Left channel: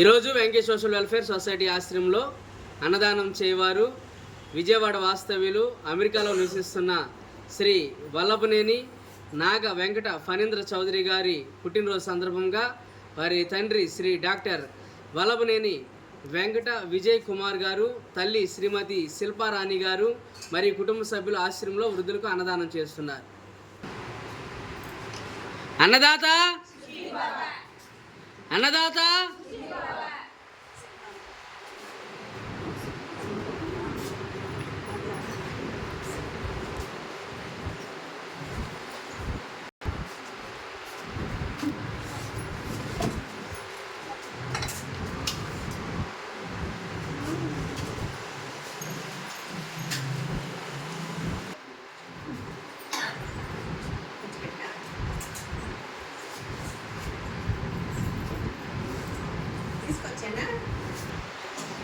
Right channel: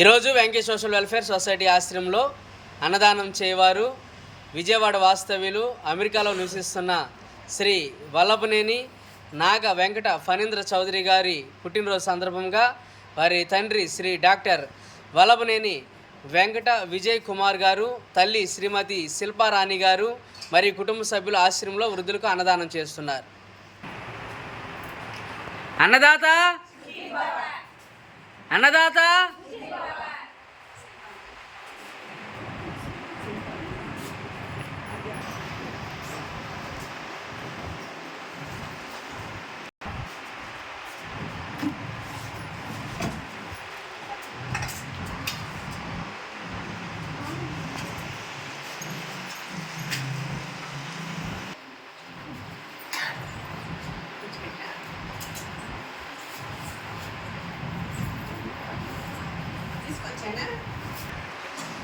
ఈరోజు Venkatesh social welfare society ఆశ్రమంలో అన్నదానం చేయవారు విజయవాడ వాస్తవ్యులు అమెరికాలో నివసిస్తున్న శ్రీ వల్లభనేని నాగ వెంకట ఫణీంద్ర చౌదరి గారి పుట్టినరోజు సందర్భంగా వారి తండ్రి శ్రీ డాక్టర్ వల్లభనేని వెంకట విజయ్ కుమార్ గారు, తల్లి శ్రీమతి శిల్పారాణి గారు మరియు కుటుంబ సభ్యులు ఆశ్రమంలో వృద్ధులకు అన్నదానం చేస్తున్నారు. అన్నదాత అన్నదాత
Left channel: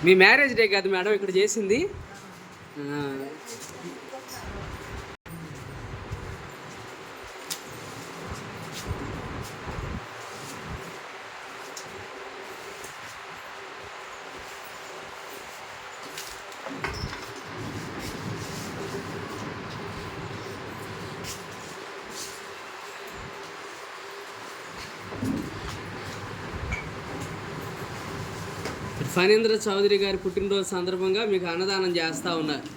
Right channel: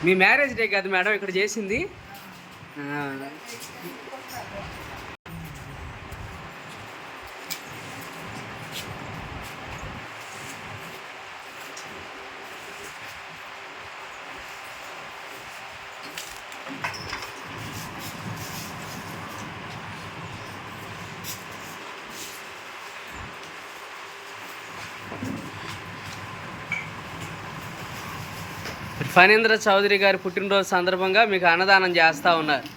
మీ మ్యారేజ్ డే కాదు మేడం ఇక్కడ చేసింది. ఫణీంద్ర చౌదరి గారి పుట్టినరోజు సందర్భంగా మీకు అన్నదానం చేస్తూ ఉన్నారు.